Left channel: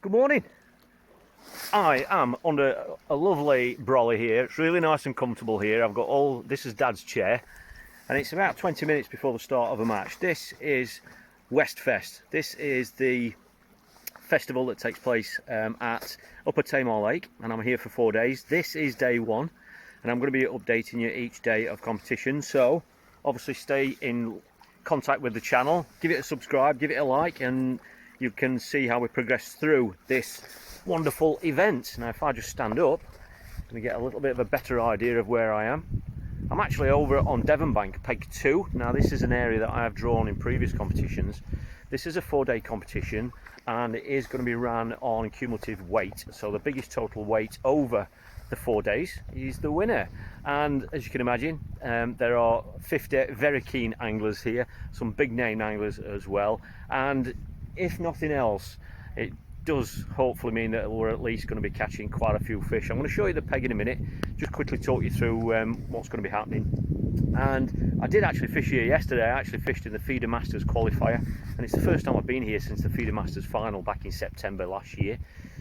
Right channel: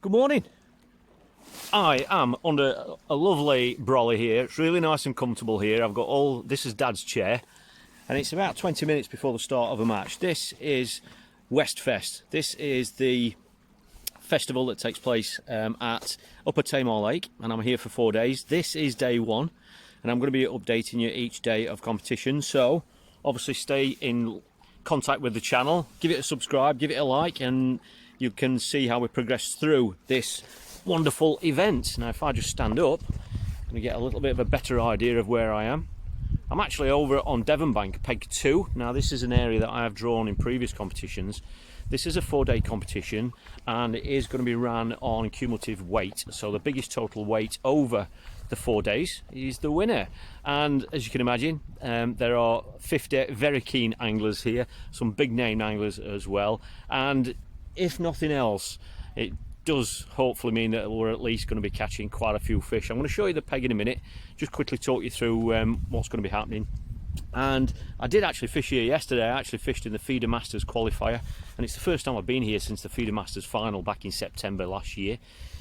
Good morning. I am under a lovely brolly here. It's really nice and comfortable here. I've got this is Dad's chair, and it's about 20 minutes before the start of a match. This is WestFest. This is the festival that takes place at Upper Tamar Lake, and I'm here for 4 days. This is day one, and I'm going to be updating you each day of competition. So obviously stay in contact with the channel, give it a subscribe, give it a like, and you can see how we progress through this wonderful event. Now if I just stand up, I'm going to get a little bit of a better idea of where I am. I'm actually over on Devonbank, Peg 2. Now this is an area that I have drawn in previous competitions. This is a 4-day competition, and it is going to be run on cumulative weight. So the biggest total weight over the 4 days is the winner. And as you can imagine, there are 50 very keen anglers here, some big name anglers as well. And if nothing else, it does hopefully mean that we're at least going to be catching quite a few fish. I'm going to show you the peg in a minute, just quickly talk you through what's going to be happening. And I did actually fish here yesterday. I actually fished in the Feeder Masters qualifier, and it's the first time I've been here since the Feeder Masters final back in September last year.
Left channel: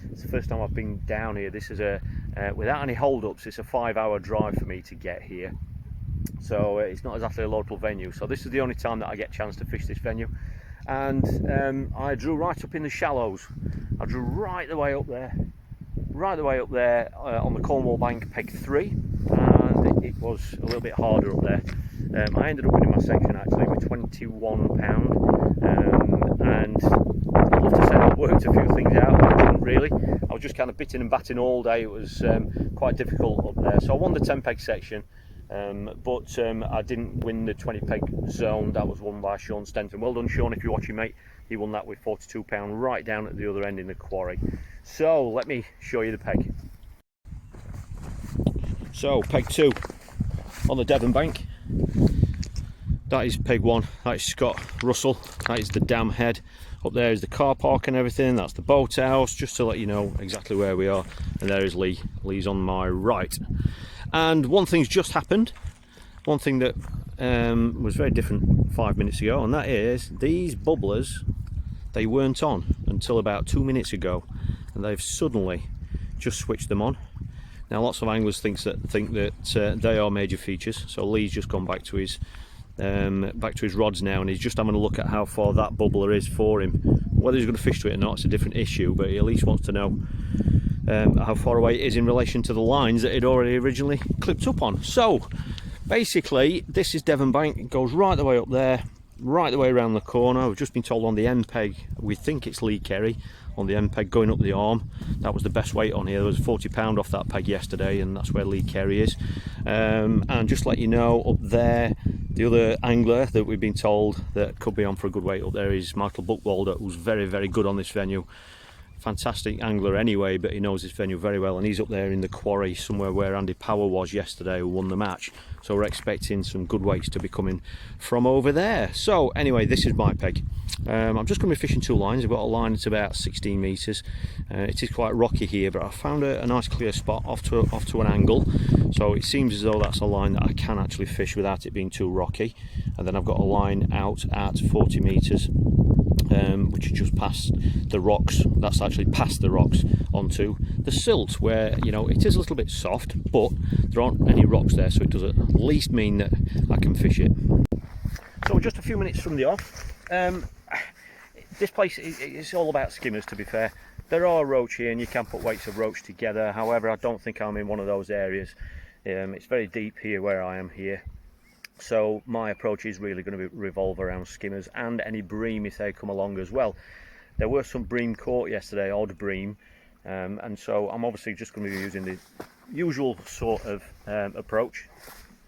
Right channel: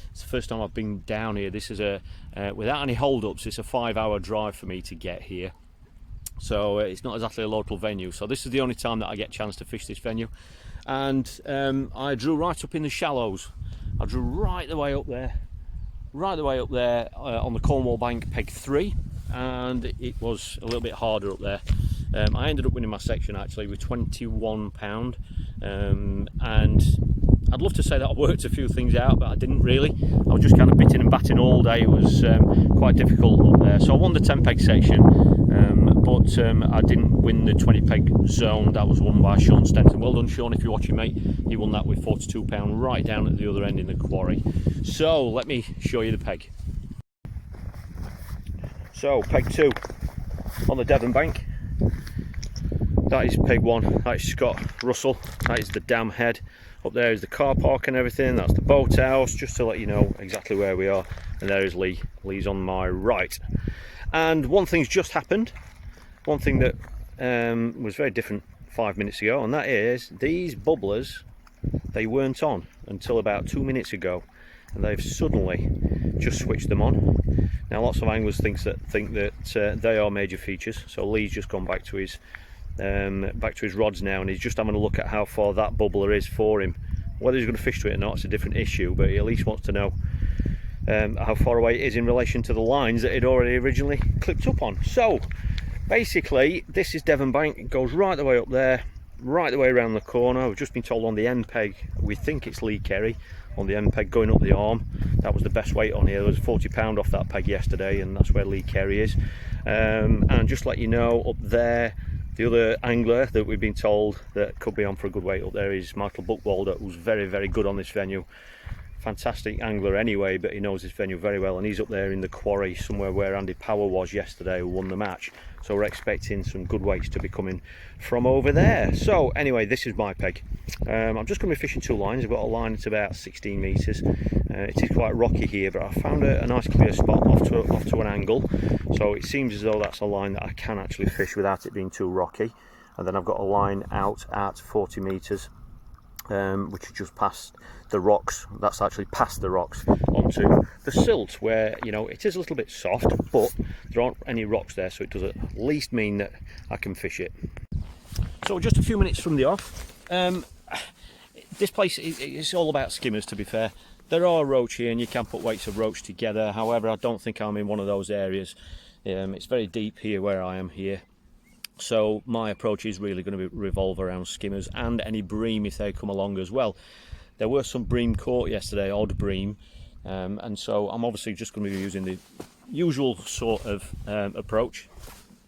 It's the first time I've been down here. This is without any hold-ups, it's a 5-hour drive for me to get here. So it's not exactly a local venue. So this is the only time that I get a chance to fish this venue. And I drew right up in the shallows. I drew right the way up there on the Cornwall Bank, Peg 3, and it was a little bit harder up there. I ended up winning my section actually with £21, and I'd love to say that I worked a few things out, but I didn't really. I was just kind of bitting and batting all day. It was quite difficult up there. So I won the 10 peg section, but I didn't win the 20 peg zone. That was won by Sean Stenton. Well done, Sean, if you're watching, mate. He won that with £42 right down at the other end in the quarry. So let me show you the peg. So peg 2 on the Devon Bank. That is peg 1. That is Scott Russell. That is the dam head. Up there is the car park and everything. That's the boathouse, just to let you know exactly where we are. And there is Lee. Lee's on my right. And one thing's just happened. One thing that was very different 5 minutes ago, and that is these bubblers, they weren't on until about 2 minutes ago, and they've suddenly just switched them on. Now lots of anglers think that they are major features. So Lee's just gone back to his rods now, and he's just having a look at how far that bubbler is for him. Whether he's going to fish to it or not, it's a different issue, but he at least wants to know how far away it is in relation to the lines that he'd already originally clipped up on. So basically this is Devon Bank. It goes right the way up there, right the way around the corner. We've just been told on the end peg, we think it's Lee Kerry on the end peg going up the arm. That was the best weight on here. There was £40 off that peg yesterday, and that's where Lee Kerry is. And just let you know, up there, the other angler that we've been told that could be on for a good weight up there is Michael Buckwalder, who's very, very good on this venue. Fantastic angler anyway, but he knows this venue very well, and he's up there in the quarry somewhere where Andy Power was yesterday, who won the match. So we're expecting some good weights to be coming from over there. So anyway, this is my peg. I'm just going to be fishing 2 lines. I've got a line that's about 16 metres. It is quite rocky here, but I found a nice clear spot off to an angle. So it seems as though that's a line that I can actually fish without it being too rocky. And then I've got a line out at 40 metres. Which is just past the rocks. That's actually past the rocks onto the silt, where, you know, it is a little bit soft, but there aren't any rocks there, so it does at least mean that I can fish it. So just a few minutes from the off. This place is all about skimmers, to be fair. There are roach here, and you can put weights of roach together. However, I don't think I'm in one of those areas. It's very deep here where I am here. So my approach is really going to revolve around skimmers and any bream if they come along as well. There were some bream caught yesterday, odd bream, and so I'm obviously just going to be using the usual sort of approach.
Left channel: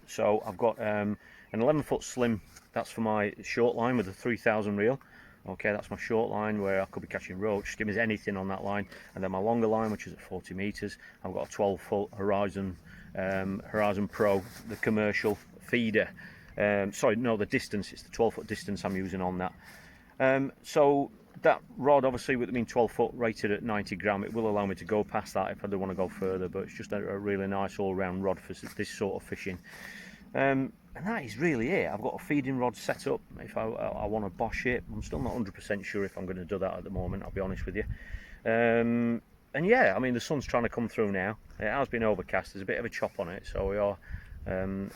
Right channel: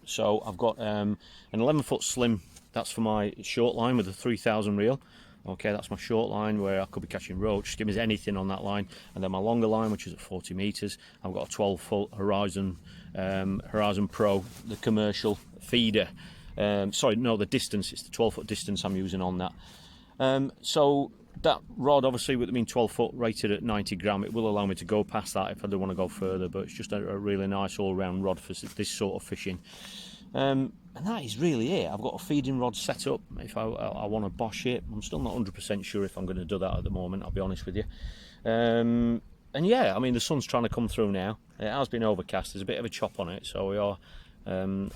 So I've got an 11-foot slim, that's for my short line with a 3000 reel. Okay, that's my short line where I could be catching roach, skimmers, anything on that line. And then my longer line, which is at 40 metres, I've got a 12-foot Horizon Pro, the commercial feeder. Sorry, no, the distance, it's the 12-foot distance I'm using on that. So that rod, obviously with it being 12 foot rated at 90 gram, it will allow me to go past that if I do want to go further, but it's just a really nice all-round rod for this sort of fishing. And that is really it. I've got a feeding rod set up if I want to bosh it. I'm still not 100% sure if I'm going to do that at the moment, I'll be honest with you. And yeah, I mean, the sun's trying to come through now. It has been overcast, there's a bit of a chop on it, so we are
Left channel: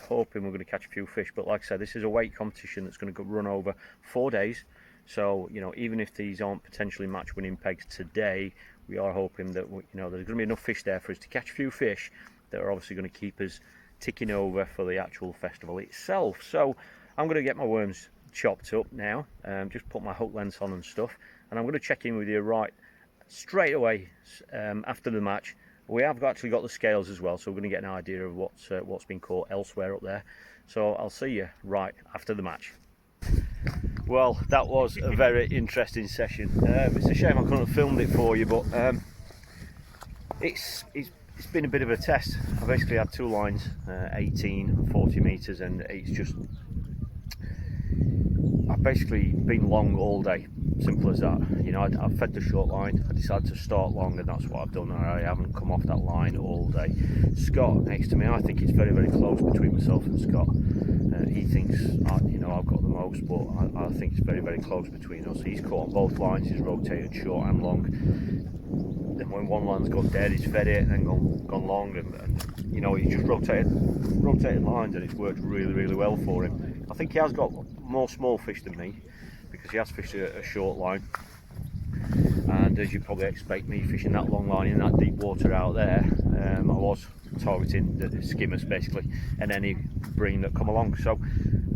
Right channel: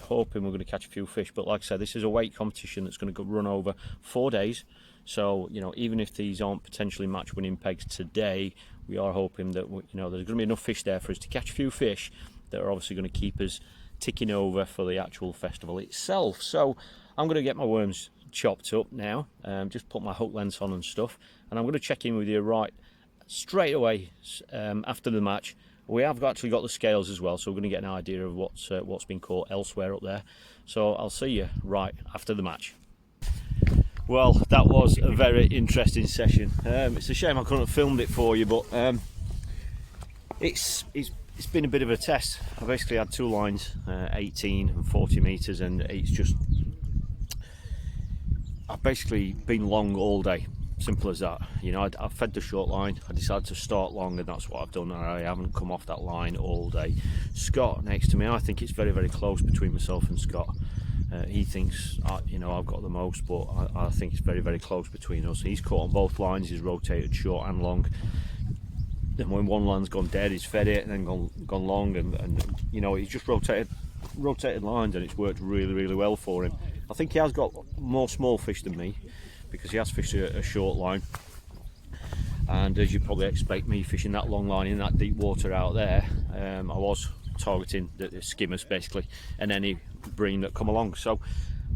hoping we're going to catch a few fish. But like I said, this is a weight competition that's going to run over 4 days, so you know, even if these aren't potentially match winning pegs today, we are hoping that, you know, there's going to be enough fish there for us to catch a few fish that are obviously going to keep us ticking over for the actual festival itself. So I'm going to get my worms chopped up now, just put my hook lengths on and stuff, and I'm going to check in with you right straight away after the match. We have actually got the scales as well, so we're going to get an idea of what's been caught elsewhere up there. So I'll see you right after the match. Well, that was a very interesting session. It's a shame I couldn't have filmed it for you, but it's been a bit of a test. I basically had two lines, 18 and 40 metres, and it's just, I've basically been long all day. Simple as that. You know, I fed the short line, I decided to start long, and that's what I've done. I haven't come off that line all day. Scott next to me, I think it's very, very close between myself and Scott. He thinks, you know, I've got the most, but I think it's very, very close between us. He's caught on both lines, he's rotated short and long. Then when one line's gone dead, he's fed it and then gone long, and you know, he's just rotated lines, and it's worked really, really well for him. I think he has got more small fish than me, because he has fished a short line, and as you probably expect, me fishing that long line in that deep water out there, I was targeting the skimmers basically, and any bream that come along. So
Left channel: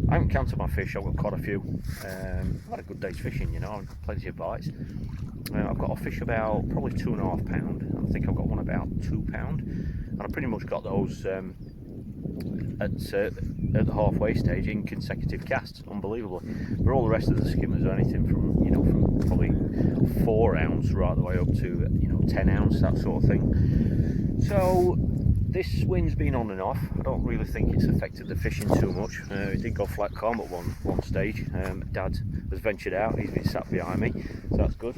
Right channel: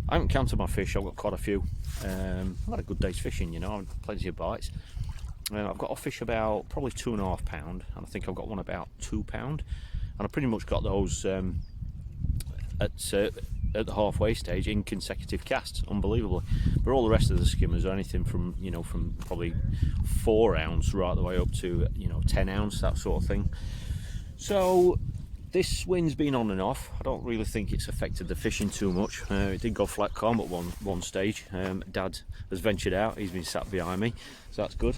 I haven't counted my fish, I've got quite a few. I've had a good day's fishing, you know, I've had plenty of bites. I've got a fish about probably 2.5 pound, and I think I've got one about 2 pound, and I pretty much got those at the halfway stage in consecutive casts, unbelievably. But all the rest of the skimmers are anything from, you know, from probably 4 ounce right the way up to, you know, 10 ounce, that sort of thing. So this wind's been on and off. I don't really think it's affected the fishing too much. It did go flat calm at one stage. Dad has ventured out, he's been sat behind me, so that's good.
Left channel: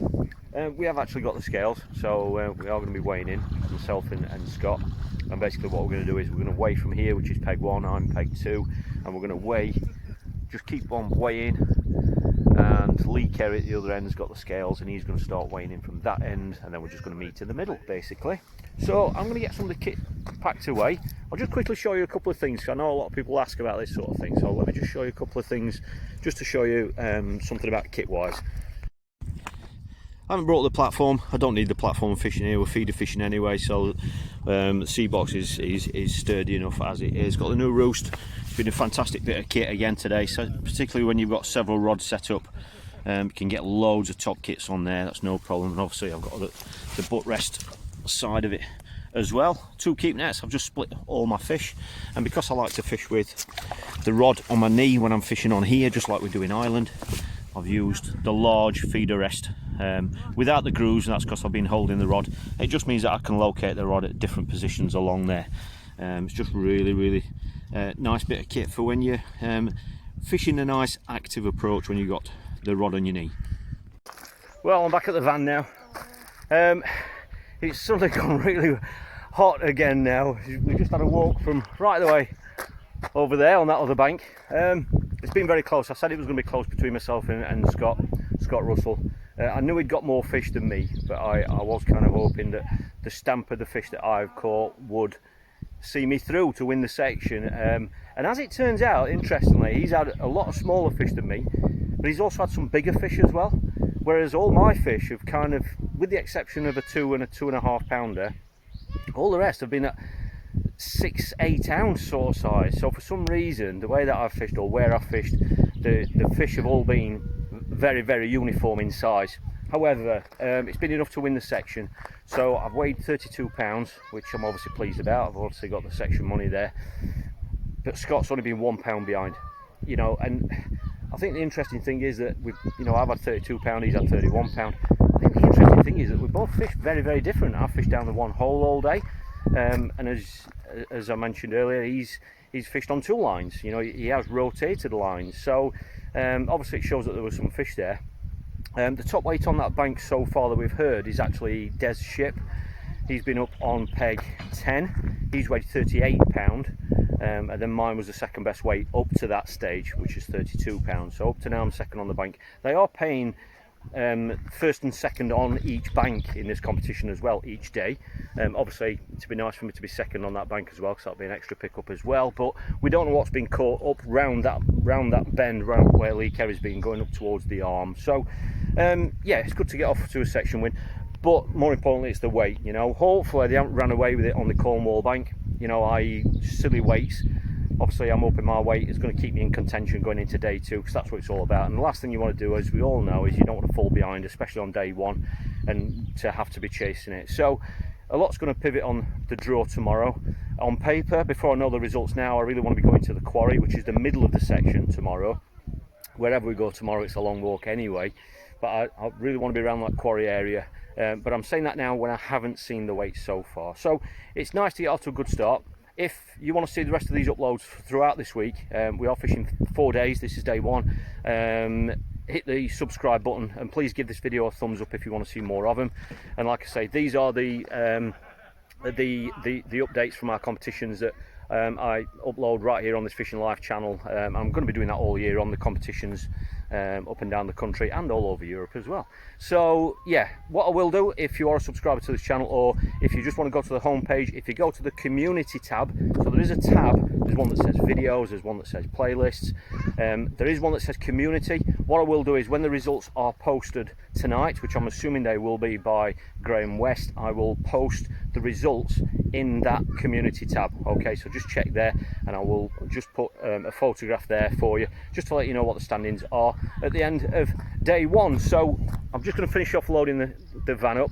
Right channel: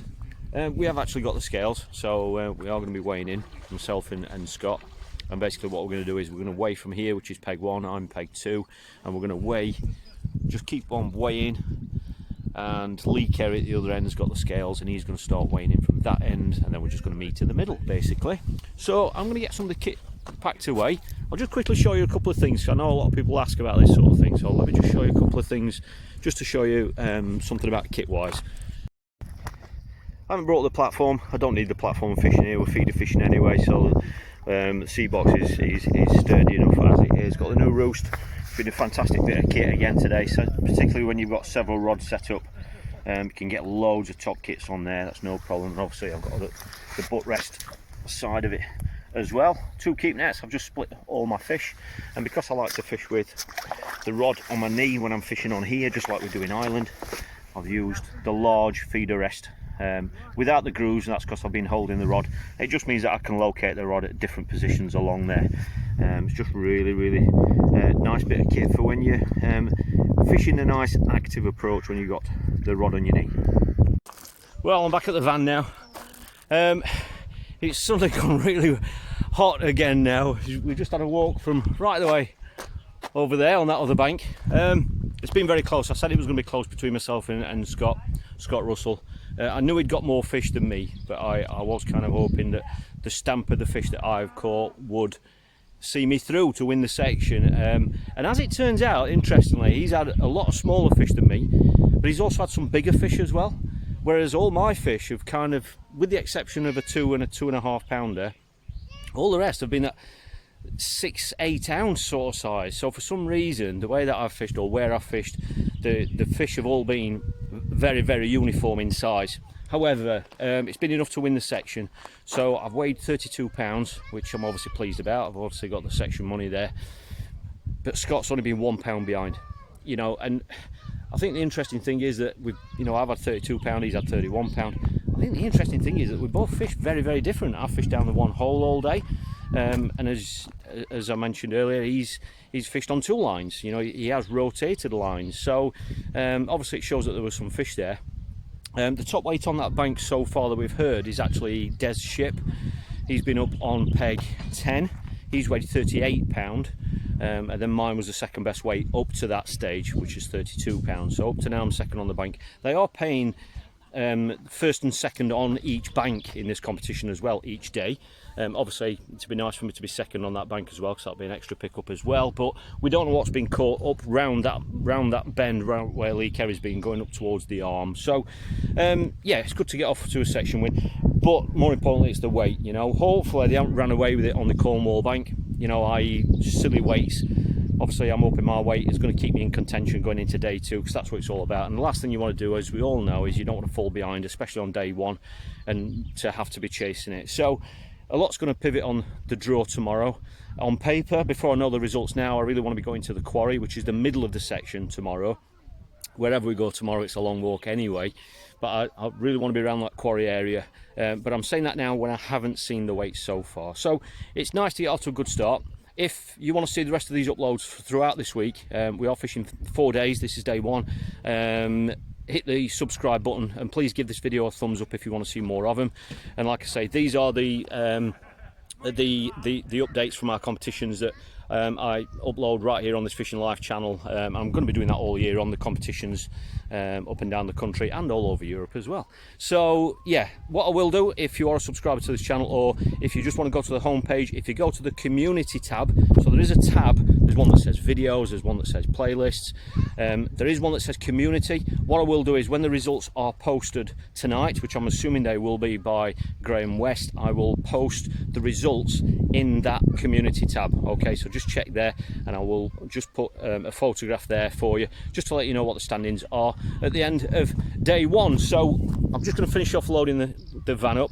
We have actually got the scales, so we are going to be weighing in, myself and Scott. And basically what we're going to do is we're going to weigh from here, which is peg 1, I'm peg 2, and we're going to weigh, just keep on weighing, and Lee Kerry at the other end has got the scales, and he's going to start weighing in from that end, and then we're just going to meet in the middle basically. So I'm going to get some of the kit packed away. I'll just quickly show you a couple of things. I know a lot of people ask about this sort of thing, so let me just show you a couple of things just to show you something about kit wise. I haven't brought the platform. I don't need the platform fishing here, we're feeder fishing anyway, so the sea box is sturdy enough as it is. Got the new roost. It's been a fantastic bit of kit again today, so particularly when you've got several rods set up, you can get loads of top kits on there, that's no problem. And obviously I've got the butt rest side of it as well. 2 keep nets. I've just split all my fish, and because I like to fish with the rod on my knee when I'm fishing on here, just like we do in Ireland, I've used the large feeder rest without the grooves, and that's because I've been holding the rod. It just means that I can locate the rod at different positions along there. It's just really, really nice bit of kit for when you're fishing the nice active approach when you've got the rod on your knee. Well, I'm back at the van now. It's suddenly gone really hot again now. We just had a walk from right the way over there on that other bank. It's been very close. I said it was going to be close between myself and Scott Russell. I knew he'd got more fish than me, but I was kind of hoping that the stamp of the fish that I've caught would see me through to win the section. And as it turns out, interestingly, he's had a lot of smaller fish than me, but he's also had some bigger fish as well. Whereas all my fish have kind of, with the exception of a 2 and a 2.5 pounder, all the rest have been at 6-8 ounce sort of size. So for some reason, the way that I've fished, or where I've fished, the fish have all been very, very uniform in size. However, it's been enough to win the section. So I've weighed 32 pounds, which I'm obviously pleased about. I've obviously got the section money there, but Scott's only been 1 pound behind, you know. And I think the interesting thing is that we've, you know, I've had 32 pound, he's had 31 pound. I think the interesting thing is that we both fished very, very different. I fished down the one hole all day, and as I mentioned earlier, he's fished on 2 lines. You know, he has rotated lines, so obviously it shows that there was some fish there. The top weight on that bank so far that we've heard is actually Des Ship. He's been up on peg 10. He's weighed 38 pound, and then mine was the second best weight up to that stage, which is 32 pounds. So up to now I'm second on the bank. They are paying first and second on each bank in this competition as well each day. Obviously it'd be nice for me to be second on that bank as well, because that'll be an extra pickup as well, but we don't know what's been caught up round that bend round where Lee Kerry's been going up towards the arm. So yeah, it's good to get off to a section win, but more importantly it's the weight. You know, hopefully they haven't ran away with it on the Cornwall bank, you know, i.e. silly weights. Obviously I'm hoping my weight is going to keep me in contention going into day 2, because that's what it's all about. And the last thing you want to do, as we all know, is you don't want to fall behind, especially on day 1, and to have to be chasing it. So a lot's going to pivot on the draw tomorrow. On paper, before I know the results now, I really want to be going to the quarry, which is the middle of the section tomorrow. Wherever we go tomorrow, it's a long walk anyway, but I really want to be around that quarry area. But I'm saying that now when I haven't seen the weights so far. So it's nice to get off to a good start. If you want to see the rest of these uploads throughout this week, we are fishing 4 days. This is day 1. Hit the subscribe button, and please give this video a thumbs up if you want to see more of them. And like I say, these are the updates from our competitions that I upload right here on this Fishing Life channel. I'm going to be doing that all year on the competitions up and down the country and all over Europe as well. So yeah, what I will do, if you are a subscriber to this channel, or if you just want to go to the home page, if you go to the community tab, so there is a tab, there's one that says videos, there's one that says playlists, there is one that says community. What I will do is, when the results are posted tonight, which I'm assuming they will be by Graham West, I will post the results in that community tab. Okay, so just check there, and I will just put a photograph there for you, just to let you know what the standings are at the end of day 1. So I'm just going to finish off loading the van up.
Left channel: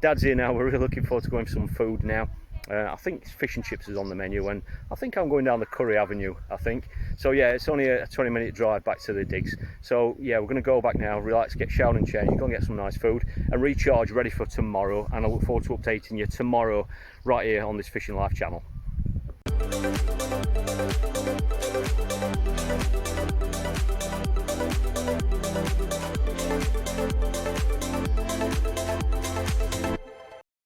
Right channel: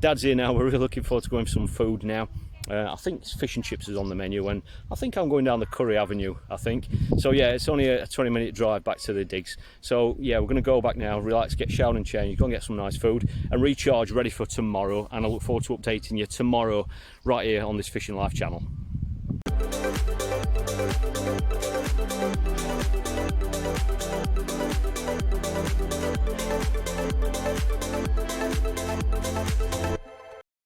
Dad's here now. We're really looking forward to going for some food now. I think fish and chips is on the menu, and I think I'm going down the Curry Avenue, I think. So yeah, it's only a 20-minute drive back to the digs. So yeah, we're going to go back now, relax, get showered and changed, go and get some nice food and recharge, ready for tomorrow. And I look forward to updating you tomorrow right here on this Fishing Life channel.